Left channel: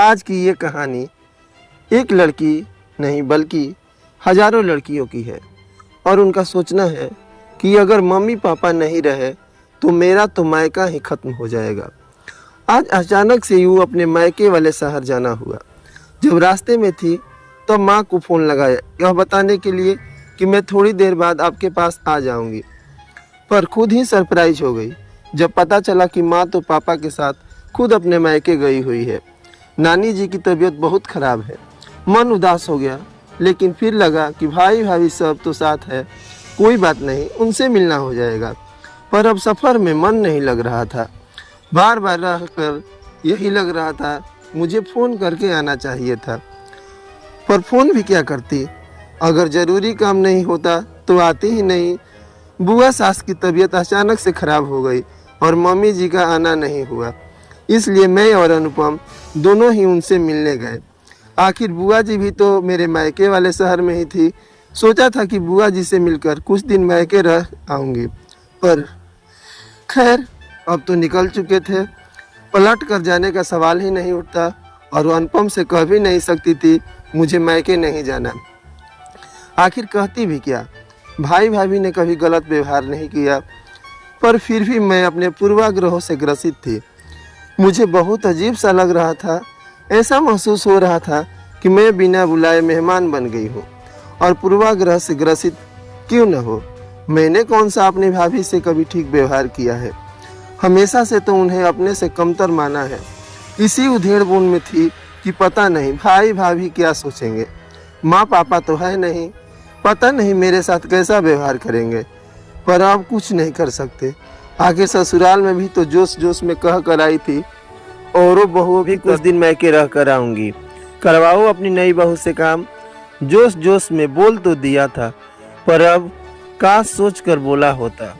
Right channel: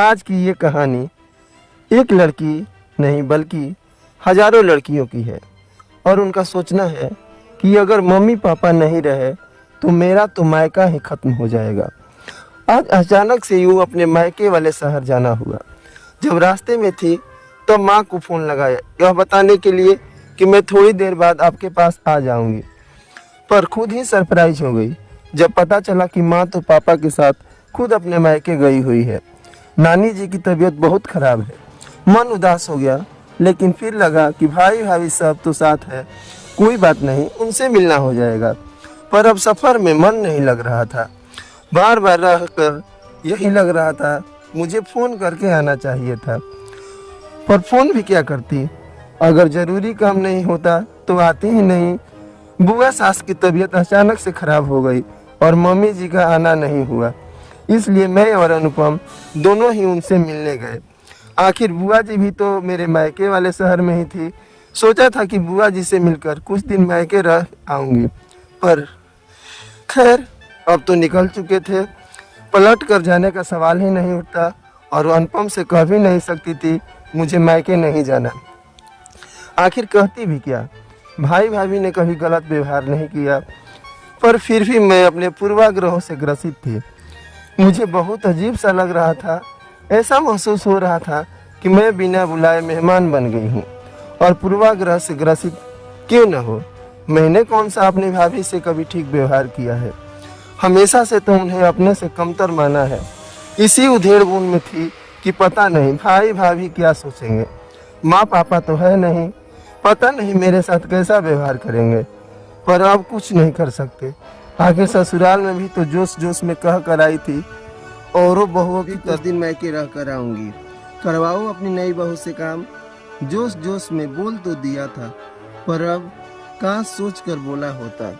आज की ये कहानी एक लड़की नहीं बल्कि हजारों लड़कियों की है और उनका सोचना है कि अगर मम्मी पापा नहीं रहे तो मेरा तो मायका ही खत्म हो जाएगा। आज अचानक से यूँ अपने मायके वाले शहर जाना हुआ। जब रास्ते में थी तब माँ को फ़ोन लगाया यह बताने के लिए कि मैं थोड़ी देर बाद आपके पास आ जाऊंगी, पर खुद ही सरप्राइज हो गई जब पता चला कि माँ तो पापा के साथ खुद अपने मायके गई हुई है। नानी जी की तबीयत बहुत ख़राब है। मन उदास हो गया, लेकिन फिर लगा कि भाई भाभी सब तो साथ है, कोई बात नहीं, उनसे मिलना हो जाएगा। पर अब सफ़र में मन नहीं लग रहा था। बार बार रह कर यही लग रहा था मुझे फ़ोन करके आना चाहिए था, पर फ़ोन भी क्या करती। अगर ज़रूरी काम नहीं होता तो आती ही नहीं। बुआ सास की तबीयत अचानक से ख़राब हो गई और मम्मी जी का आना नहीं हुआ, इसलिए मैं और अनुपम दोनों ही उनसे मिलने गए। आखिर बुआ जी भी तो मेरे मायके वाले शहर में ही थी। सोचा था कि बुआ जी से मिलकर कुछ दिन मायके रह आऊँगी, पर खैर अब तो निकल चुके थे। पलट कर जाने का सवाल ही नहीं उठता और अनुपम से कह भी नहीं सकती थी मुझे मायके नहीं जाना। आखिर कहती भी क्या, भाई भाभी ने कभी गलत व्यवहार नहीं किया, पर फिर भी मैं अपने पूर्वाग्रहों से ग्रसित थी। मुझे बहुत अजीब सा लग रहा था। ऐसा महसूस हो रहा था कि मैं बिना बुलाए मेहमान बन गई हूँ और पूर्वाग्रह से ग्रसित क्यों न हो। मैंने कौन सा अपनी भाभी से कभी ठीक व्यवहार किया है? हमेशा से तो उन्हें अपने से कमतर माना है। इसी उधेड़-बुन में थी कि पता नहीं भाई भाभी क्या सोचेंगे। माँ पापा तो है नहीं, पता नहीं मेरे साथ कैसा व्यवहार करेंगे, पर अब कुछ नहीं कर सकते। आगे ससुराल में भी तो जोश जोश में कह कर आई थी और बहुओं भी कुछ दिन मैके रह कर आऊँगी, करवाओ अपनी नई बहू से काम। जोश जोश में बोल तो दिया था, पर अब काश सोच कर बोला होता,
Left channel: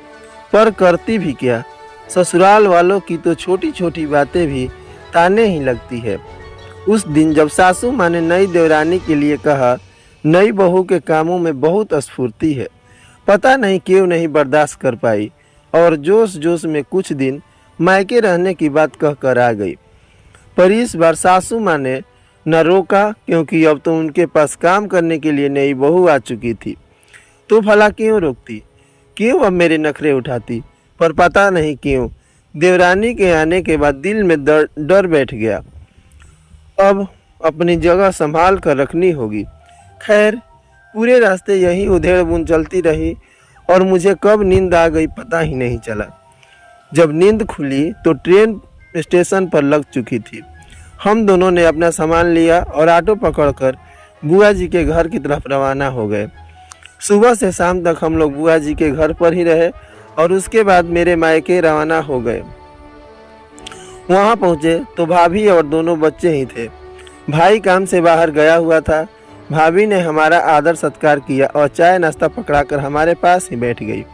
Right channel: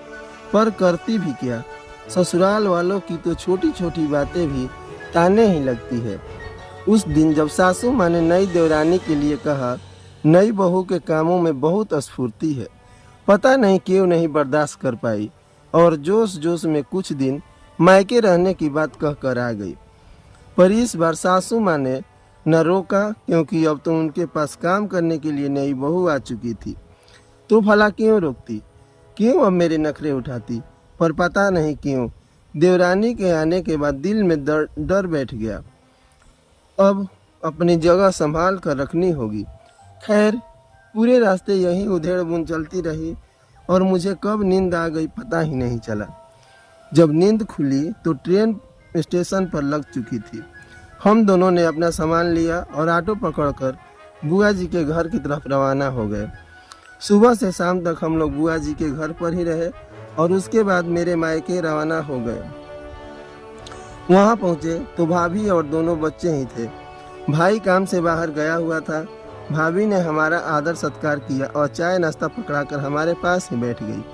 पर करती भी क्या। ससुराल वालों की तो छोटी छोटी बातें भी ताने ही लगती है। उस दिन जब सासू माँ ने नई देवरानी के लिए कहा, नई बहू के कामों में बहुत स्फूर्ति है, पता नहीं क्यों नहीं बर्दाश्त कर पाई और जोश जोश में कुछ दिन मायके रहने की बात कह कर आ गई। पर इस बार सासू माँ ने न रोका, क्योंकि अब तो उनके पास काम करने के लिए नई बहू आ चुकी थी। तो भला क्यों रोकती, क्यों अब मेरे नखरे उठाती। पर पता नहीं क्यों देवरानी के आने के बाद दिल में डर बैठ गया। अब अपनी जगह संभाल कर रखनी होगी। खैर पूरे रास्ते यही उधेड़-बुन चलती रही और मुझे कब नींद आ गई पता ही नहीं चला। जब नींद खुली तो ट्रेन स्टेशन पर लग चुकी थी। हम दोनों ने अपना सामान लिया और ऑटो पकड़कर बुआ जी के घर की तरफ रवाना हो गए। सुबह से शाम तक हम लोग बुआ जी के घर पर ही रहे और उसके बाद मेरे मायके रवाना हो गए। वहाँ पहुँचे तो भाभी और दोनों बच्चे ही थे। भाई काम से बाहर गया हुआ था। भाभी ने हमारा आदर सत्कार किया और चाय नाश्ता पकड़ाकर हमारे पास ही बैठ गई।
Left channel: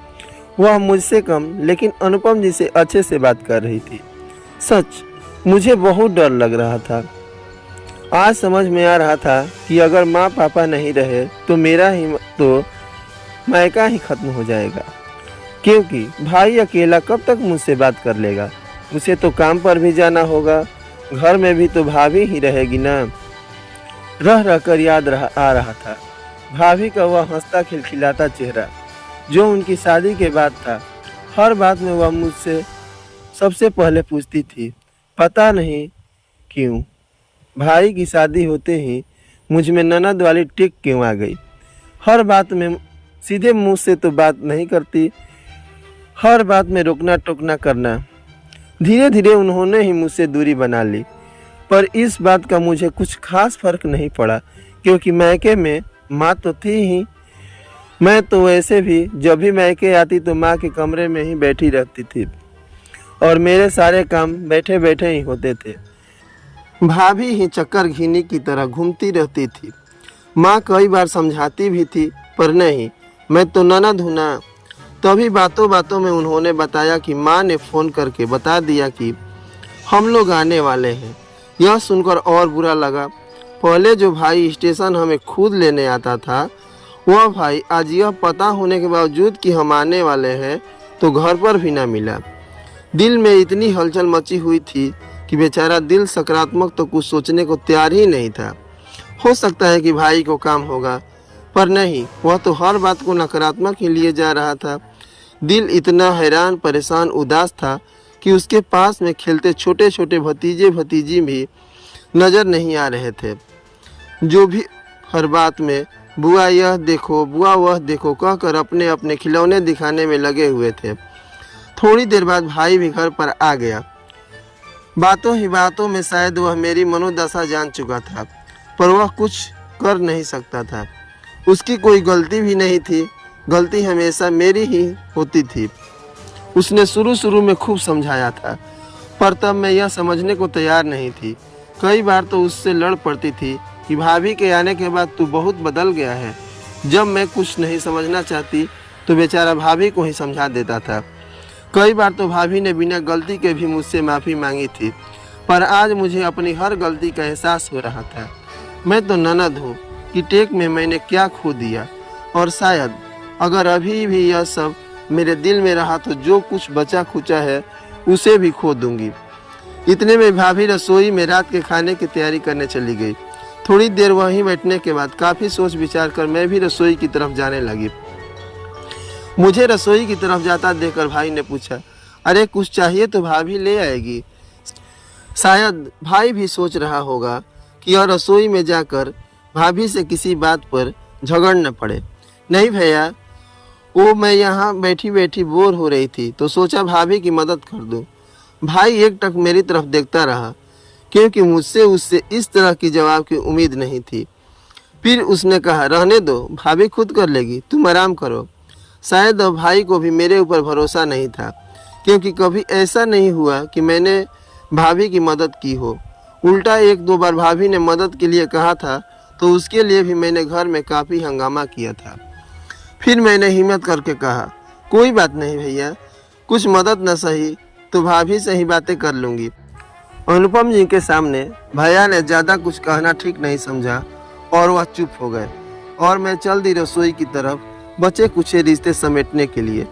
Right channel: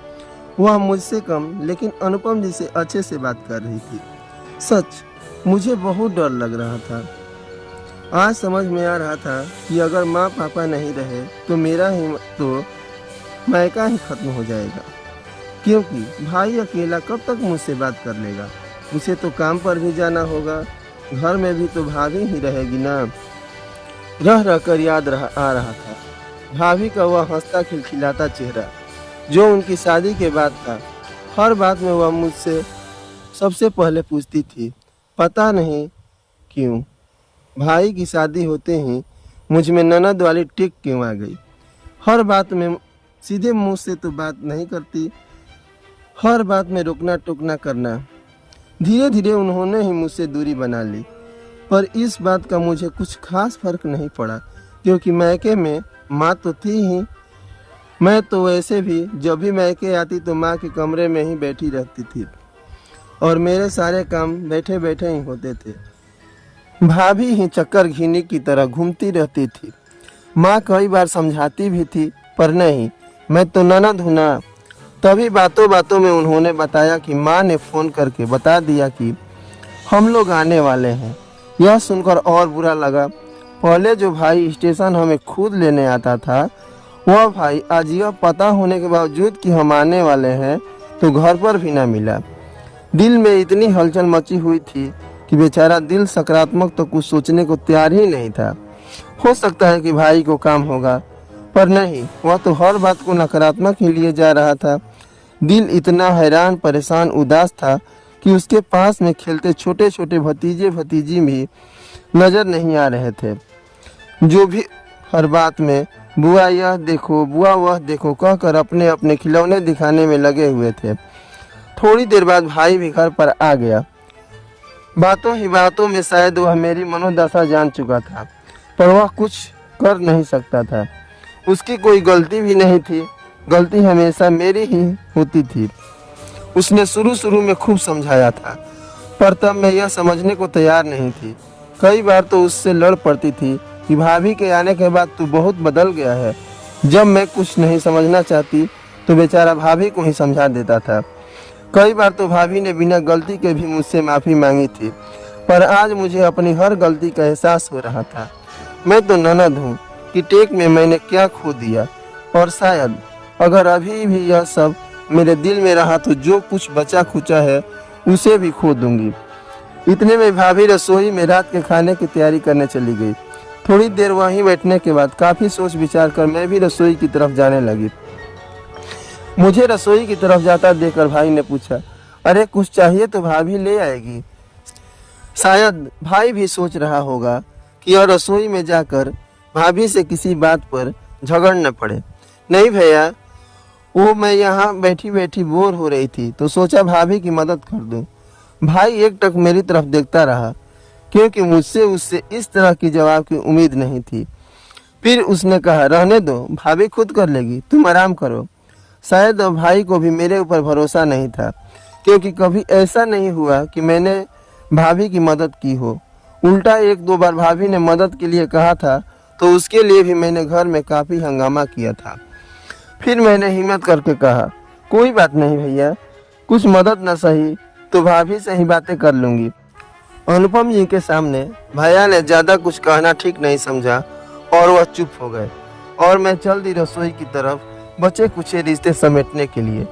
वह मुझसे कम लेकिन अनुपम जी से अच्छे से बात कर रही थी। सच मुझे बहुत डर लग रहा था। आज समझ में आ रहा था कि अगर माँ पापा नहीं रहे तो मेरा ही तो मायका ही खत्म हो जाएगा, क्योंकि भाई अकेला कब तक मुझसे बात कर लेगा। उसे तो काम पर भी जाना होगा, घर में भी तो भाभी ही रहेगी ना। रह रह कर याद आ रहा था भाभी का वह हंसता खिलखिलाता चेहरा जो उनकी शादी के बाद था। हर बात में वह मुझसे सबसे पहले पूछती थी, पता नहीं क्यों भाई की शादी होते ही मुझ में ननद वाली टिक क्यों आ गई। हर बात में सीधे मुंह से तो बात नहीं करती, हर बात में रोकना टोकना करना। धीरे धीरे उन्होंने ही मुझसे दूरी बना ली, पर इस बात का मुझे कुछ खास फर्क नहीं पड़ा, क्योंकि मायके में माँ तो थी ही। मैं तो वैसे भी जब भी मायके आती तो माँ के कमरे में ही बैठी रहती थी और मेरे सारे काम बैठे बैठे ही होते थे। भाभी ही चक्कर घीनी की तरह घूमती रहती थी। माँ कई बार समझाती भी थी, पर नहीं, मैं तो ननद हूँ ना। तभी बातों बातों में उन्होंने बताया कि माँ ने फ़ोन करके बता दिया कि हम लोग आने वाले हैं। यह सुनकर और बुरा लगा। पहले जो भाई स्टेशन हमें खुद लेने आता था, वह भाई आज यह पता होने के बावजूद कि हम आने वाले हैं तो घर पर भी ना मिला। दिल में इतनी हलचल मची हुई थी कि बेचारा दिल सकारात्मक तो कुछ सोचने को तैयार ही नहीं था। हो सकता है कि भाई को काम होगा, पर नहीं, वह तो हर बात को नकारात्मक ही लिए जा रहा था। दिल इतना हैरान, परेशान, उदास था कि उसके पास में खेलते छोटे छोटे भतीजे भतीजी भी नजर नहीं आ रहे थे, जो भी हर बात में बुआ यह देखो, बुआ वह देखो कहकर अपने अपने खिलौने दिखाने में लगे हुए थे। थोड़ी देर बाद भाई भी घर पर आ गया। बातों ही बातों में शायद वह मेरी मनोदशा जान चुका था, पर वह कुछ कर नहीं सकता था। उसकी कोई गलती भी नहीं थी, गलती हमेशा मेरी ही होती थी। उसने शुरू में खूब समझाया था, पर तब मैं यह समझने को तैयार नहीं थी। कई बार तो उससे लड़ पड़ती थी कि भाभी के आने के बाद तू बहुत बदल गया है। जब मैं कुछ नहीं समझना चाहती तो बेचारा भाभी को ही समझा देता था। कई बार तो भाभी ने बिना गलती के भी मुझसे माफ़ी मांगी थी, पर आज मुझे अपनी हर गलती का एहसास हो रहा था। मैं तो ननद हूँ कि टेक में मैंने क्या खो दिया, और शायद अगर अभी भी यह सब मेरे दिल में रहा तो जो कुछ बचा खुचा है उसे भी खो दूंगी। इतने में भाभी रसोई में रात के खाने की तैयारी करने चली गई। थोड़ी देर वहीं बैठने के बाद काफ़ी सोच विचार कर मैं भी रसोई की तरफ जाने लगी। मुझे रसोई की तरफ जाता देखकर भाई ने पूछा, अरे कुछ चाहिए तो भाभी ले आएगी। शायद भाई भी सोच रहा होगा कि यह रसोई में जाकर भाभी से किसी बात पर झगड़ न पड़े। नहीं भैया, वो मैं यहाँ बैठी बैठी बोर हो रही थी तो सोचा भाभी की मदद कर दूं। भाई एक टक मेरी तरफ देखता रहा, क्योंकि मुझसे उससे इस तरह की जवाब की उम्मीद नहीं थी। फिर उसने कहा, रहने दो, भाभी खुद कर लेगी, तुम आराम करो। शायद अब भाई को भी मेरे ऊपर भरोसा नहीं था, क्योंकि कभी ऐसा नहीं हुआ कि मैंने भाभी की मदद की हो। उल्टा एक दो बार भाभी ने मदद के लिए कहा था तो उसके लिए भी मैंने घर में काफ़ी हंगामा किया था। फिर मैंने हिम्मत करके कहा, कोई बात नहीं भैया, कुछ मदद न सही तो भाभी से ही बातें कर लूँगी। अनुपम जी के सामने भैया ने ज़्यादा कुछ कहना ठीक नहीं समझा और वह चुप हो गए, और मैं चल दी रसोई की तरफ बचे कुछ रिश्ते समेटने के लिए।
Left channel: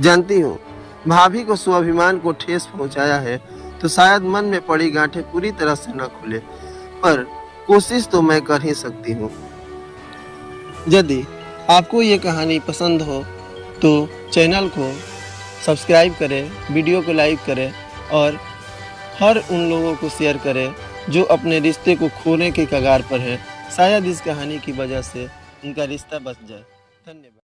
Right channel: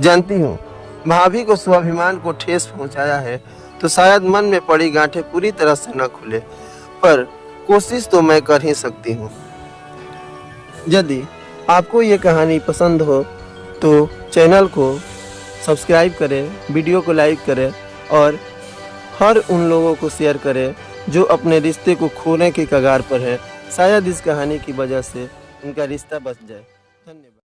जानती हूँ भाभी को स्वाभिमान को ठेस पहुँचाया है तो शायद मन में पड़ी गांठें पूरी तरह से न खुले, पर कोशिश तो मैं कर ही सकती हूँ। यदि आपको ये कहानी पसंद हो तो चैनल को सब्सक्राइब करें, वीडियो को लाइक करें और हर उन लोगों को शेयर करें जो अपने रिश्ते को खोने के कगार पर हैं। शायद इस कहानी की वजह से उनका रिश्ता बच जाए। धन्यवाद।